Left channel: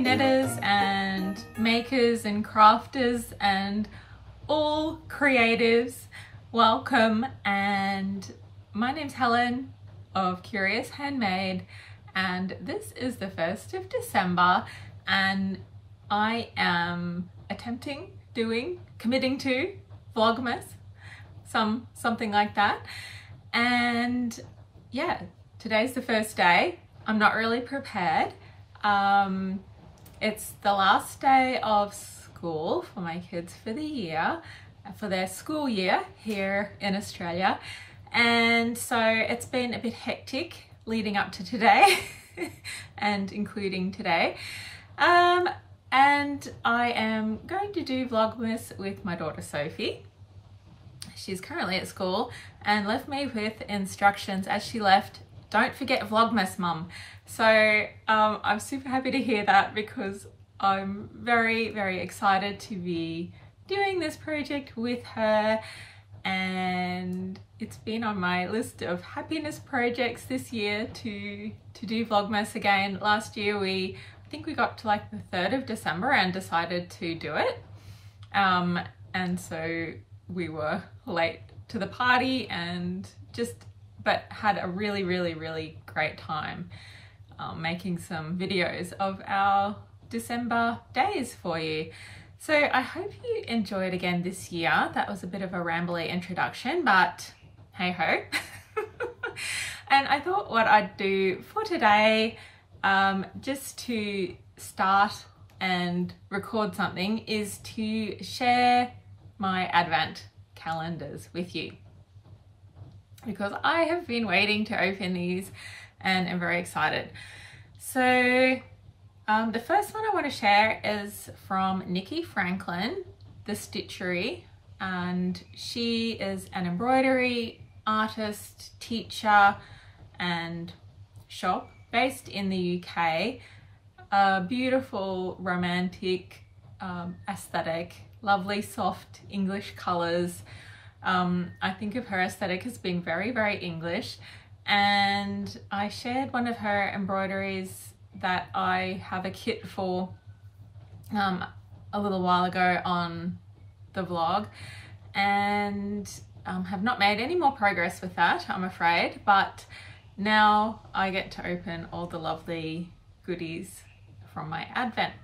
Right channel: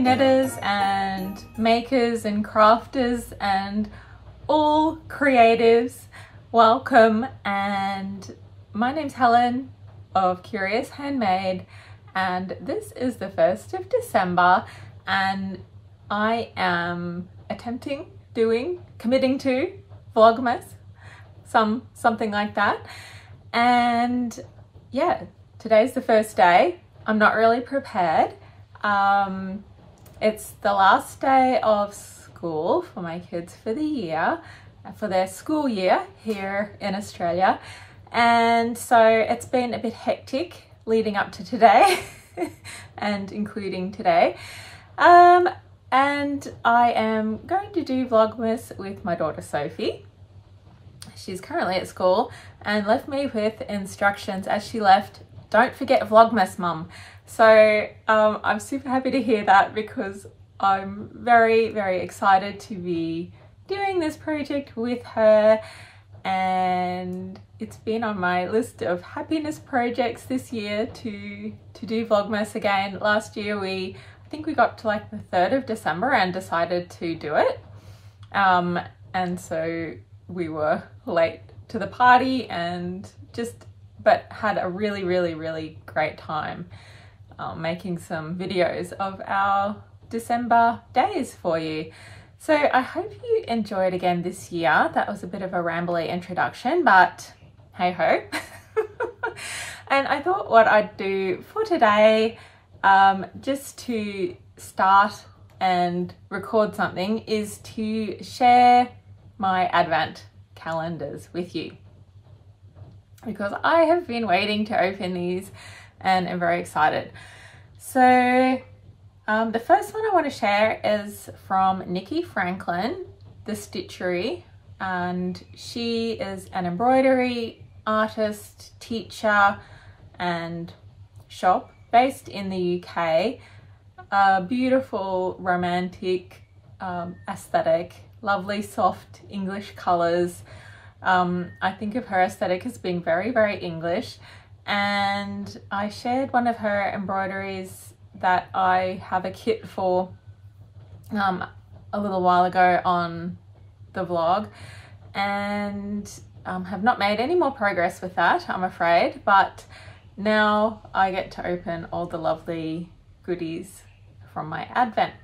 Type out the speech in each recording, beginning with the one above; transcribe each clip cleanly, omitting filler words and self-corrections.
knitters and makers and crafters and all creatives, welcome. And my name's Helen of Curious Handmade, and this is the 1st of December, and I am committing to Vlogmas, something like that. And yeah, today's the first day. I'm not really prepared. It's the last day of school for my kids for the year, for their school year here in Australia. And so it's been a bit hectic leading up to today and including today. And I am going to do Vlogmas with my daughter Sophie. She's currently at school and left me with instructions as she left: don't forget Vlogmas, Mum. So I'm super happy to hear that, because I'm very, very excited to be doing this project with her, and it's been on my list of happiness projects this year to do Vlogmas again. Last year I think we got to like the 3rd of December and decided to do it, and so we were late to the party but had a really, really, really great time making some videos of our December days for you. So I hope you enjoyed again this year. That was a bit of a rambly introduction, but hey ho. And I thought what I'd do for today, just to start and record something, is to share my Advent calendars with you, because I have been waiting to open these and I'm very excited. So the first one I want to share is from Nikki Franklin, the Stitchery, and she is an embroidery artist, teacher and shop based in the UK. A beautiful romantic aesthetic, lovely soft English colours. I think of her aesthetic as being very, very English, and I shared one of her embroideries that I have a kit for a little while ago on the vlog, and have not made any more progress with that, I'm afraid, but now I get to open all the lovely goodies from my Advent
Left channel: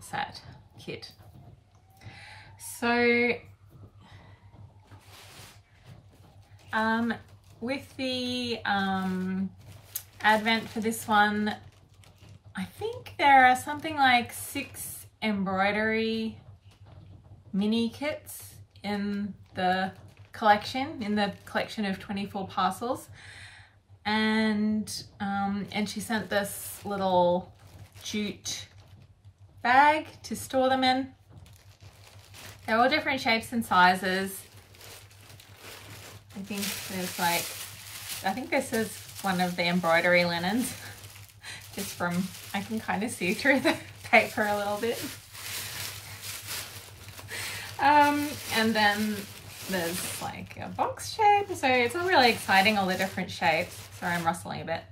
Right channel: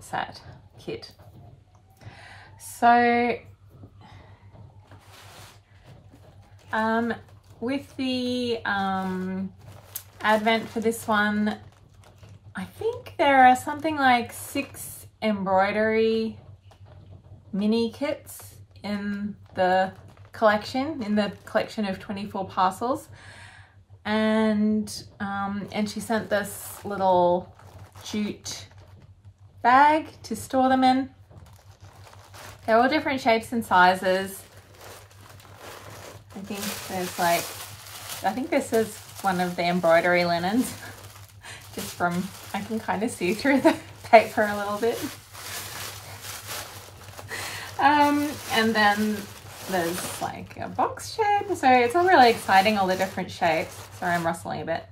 set kit. So with the Advent for this one, I think there are something like 6 embroidery mini kits in the collection of 24 parcels, and she sent this little jute bag to store them in. They're all different shapes and sizes. I think this is one of the embroidery linens. Just from, I can kind of see through the paper a little bit. And then there's like a box shape. So it's all really exciting, all the different shapes. Sorry, I'm rustling a bit.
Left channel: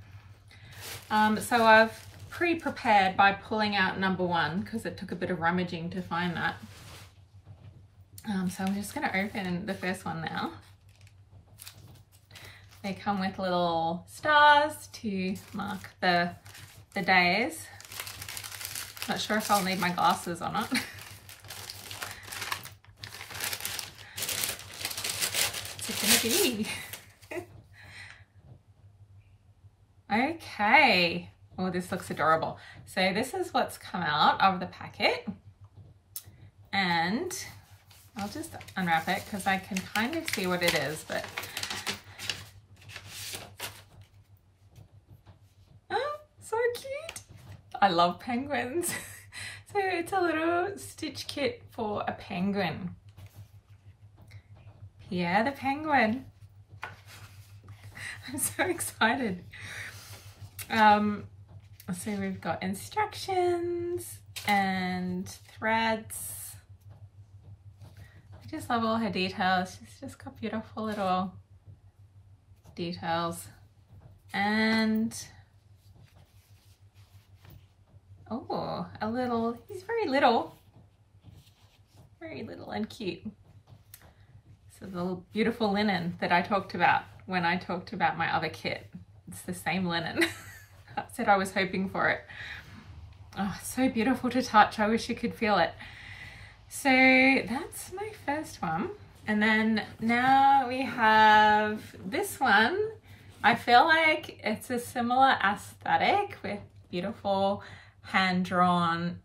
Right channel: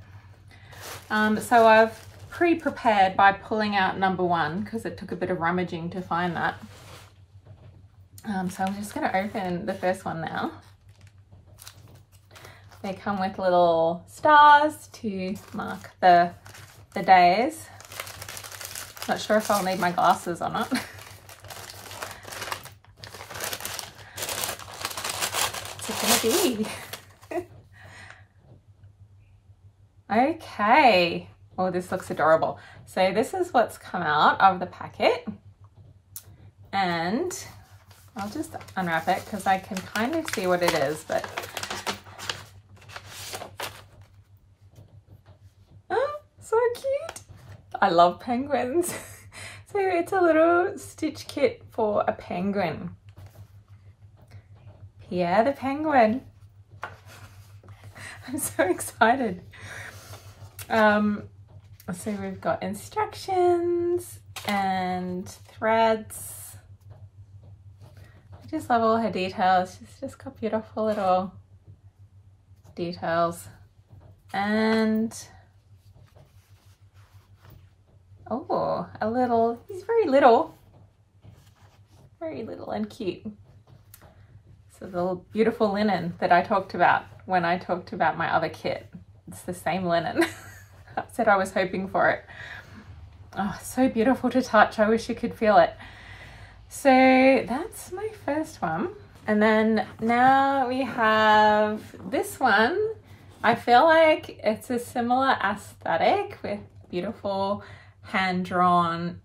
So I've pre-prepared by pulling out number 1, because it took a bit of rummaging to find that. So I'm just going to open the first one now. They come with little stars to mark the days. Not sure if I'll need my glasses or not. What's it gonna be? Okay. Oh, this looks adorable. So this is what's come out of the packet, and I'll just unwrap it because I can kind of see what it is, but oh, so cute. I love penguins. So it's a little stitch kit for a penguin. Pierre the penguin. I'm so excited. So we've got instructions and threads. I just love all her details. She's just got beautiful little details. And Oh, he's very little and cute. So the beautiful linen that I talked about when I talked about my other kit. It's the same linen. I said I was hoping for it. Oh, so beautiful to touch. I wish you could feel it. So that's my first one. And then now we have this one. I feel like it's a similar aesthetic with beautiful hand-drawn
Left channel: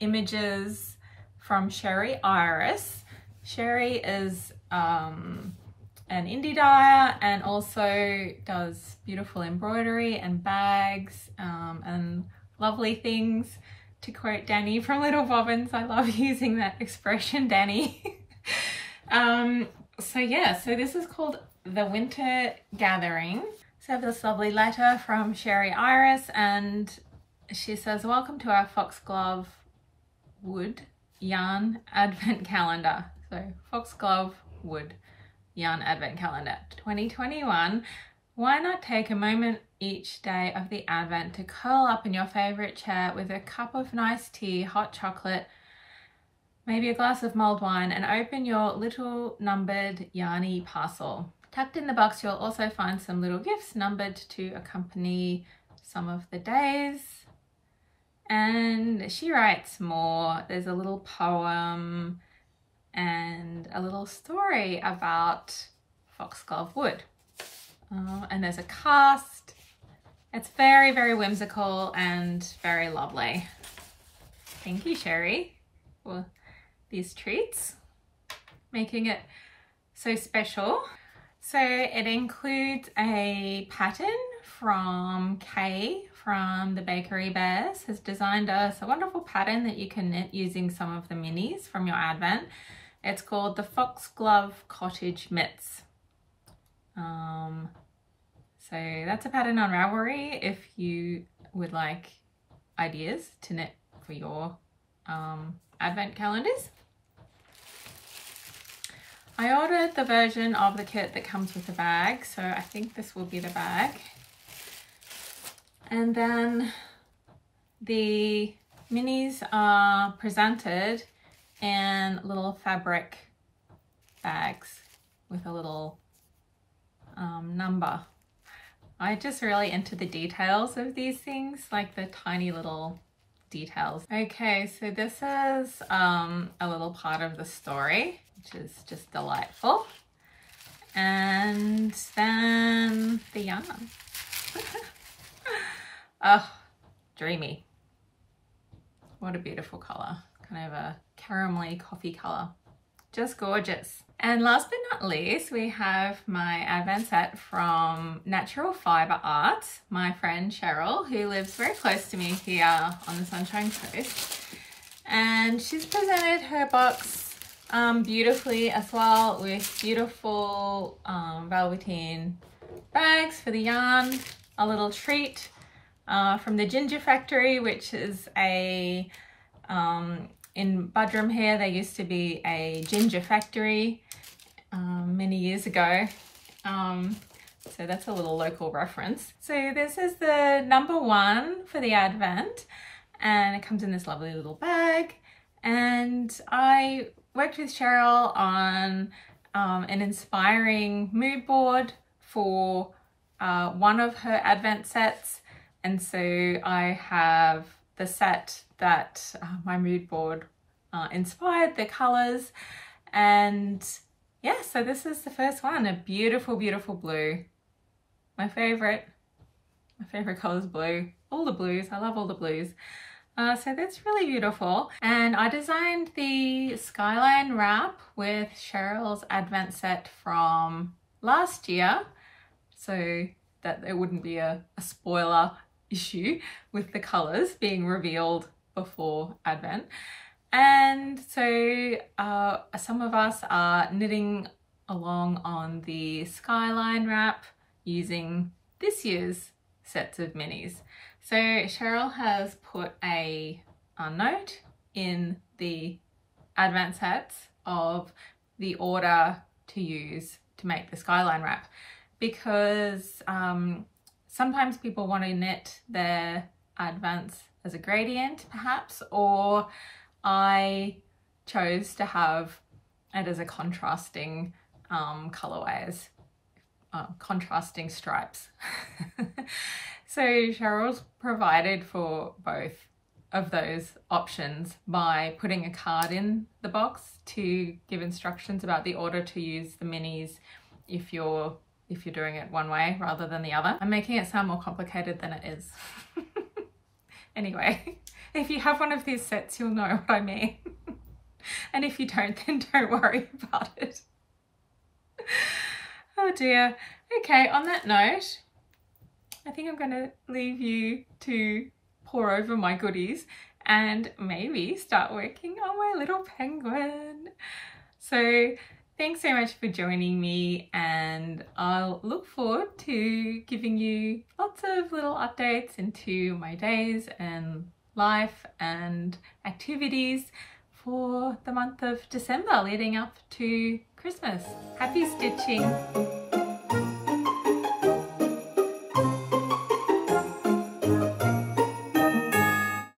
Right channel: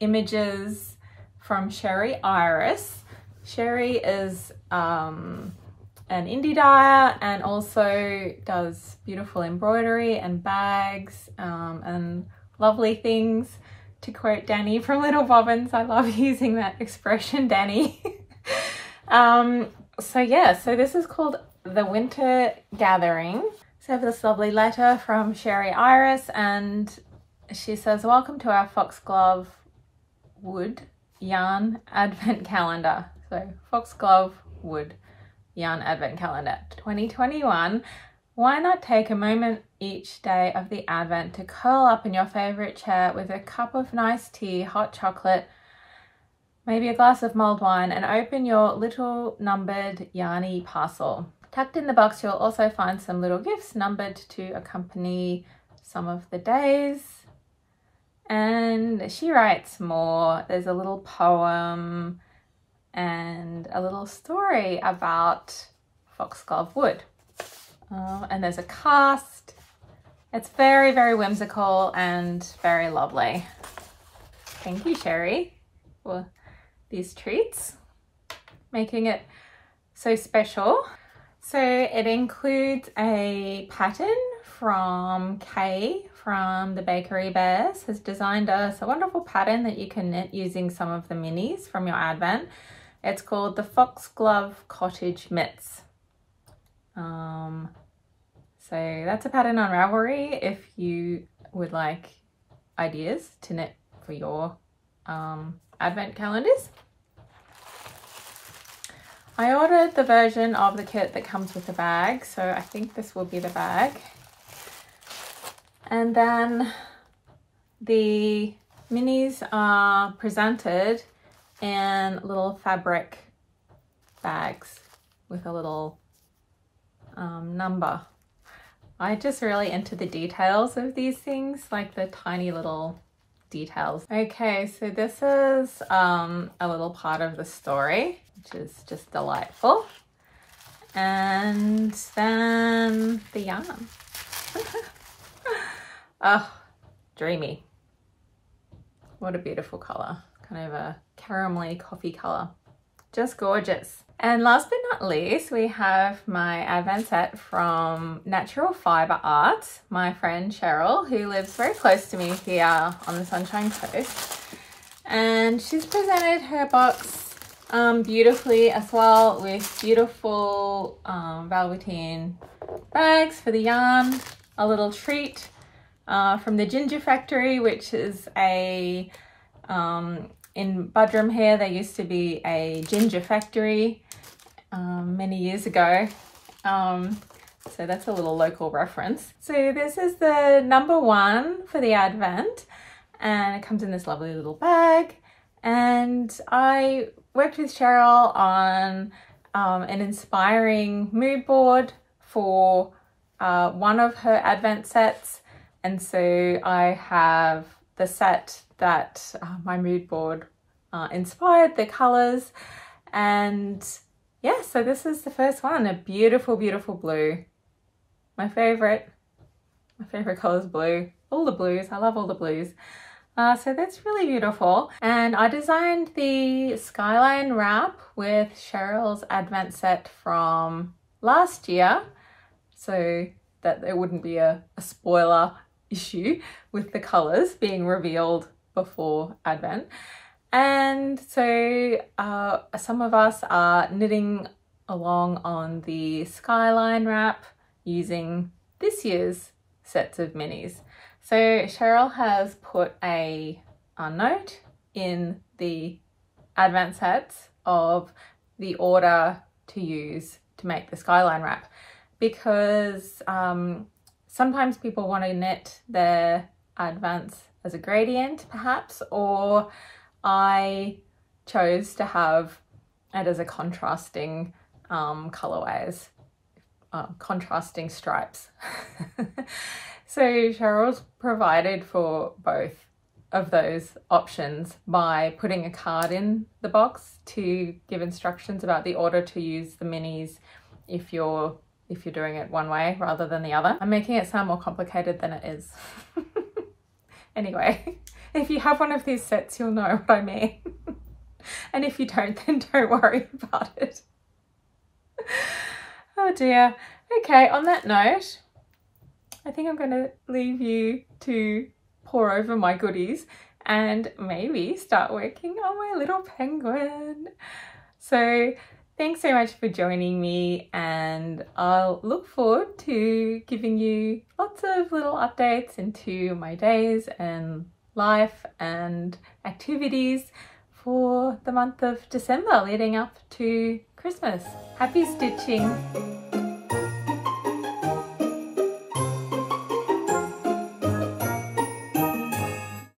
images from Sherry Iris. Sherry is an indie dyer and also does beautiful embroidery and bags and lovely things. To quote Danny from Little Bobbins, I love using that expression, Danny. So yeah, so this is called The Winter Gathering. So I have this lovely letter from Sherry Iris, and she says, welcome to our foxglove wood yarn advent calendar. So foxglove wood yarn advent calendar 2021. Why not take a moment each day of the advent to curl up in your favorite chair with a cup of nice tea, hot chocolate, maybe a glass of mulled wine, and open your little numbered yarny parcel. Tucked in the box, you'll also find some little gifts numbered to accompany some of the days. And she writes more. There's a little poem and a little story about foxglove wood. And there's a cast. It's very, very whimsical and very lovely. Thank you, Sherry, for these treats, making it so special. So it includes a pattern from Kay from the Bakery Bears, has designed us a wonderful pattern that you can knit using some of the minis from your advent. It's called the Foxglove Cottage Mitts. So that's a pattern on Ravelry if you would like ideas to knit for your advent calendars. I ordered the version of the kit that comes with the bag, so I think this will be the bag. And then the minis are presented in little fabric bags with a little number. I just really into the details of these things, like the tiny little details. Okay, so this is a little part of the story, which is just delightful. And then the yarn. Oh, dreamy. What a beautiful color. Kind of a caramelly coffee color. Just gorgeous. And last but not least, we have my advent set from Natural Fiber Art, my friend Cheryl, who lives very close to me here on the Sunshine Coast. And she's presented her box beautifully as well, with beautiful velveteen bags for the yarn, a little treat from the Ginger Factory, which is a in Budrum here, there used to be a ginger factory many years ago. So that's a little local reference. So this is the #1 for the advent, and it comes in this lovely little bag. And I worked with Cheryl on an inspiring mood board for one of her advent sets. And so I have the set that my mood board inspired, the colors. And yeah, so this is the first one, a beautiful, beautiful blue. My favorite color is blue. All the blues, I love all the blues. So that's really beautiful. And I designed the skyline wrap with Cheryl's advent set from last year, so that there wouldn't be a spoiler issue with the colors being revealed before advent. And so some of us are knitting along on the skyline wrap using this year's sets of minis. So Cheryl has put a note in the advent sets of the order to use to make the skyline wrap, because sometimes people want to knit their advents as a gradient perhaps, or I chose to have it as a contrasting colorways, contrasting stripes. So Cheryl's provided for both of those options by putting a card in the box to give instructions about the order to use the minis if you're doing it one way rather than the other. I'm making it sound more complicated than it is. Anyway, if you have one of these sets, you'll know what I mean. And if you don't, then don't worry about it. Oh dear. Okay, on that note, I think I'm going to leave you to pour over my goodies and maybe start working on my little penguin. So thanks so much for joining me, and I'll look forward to giving you lots of little updates into my days and life and activities for the month of December leading up to Christmas. Happy stitching!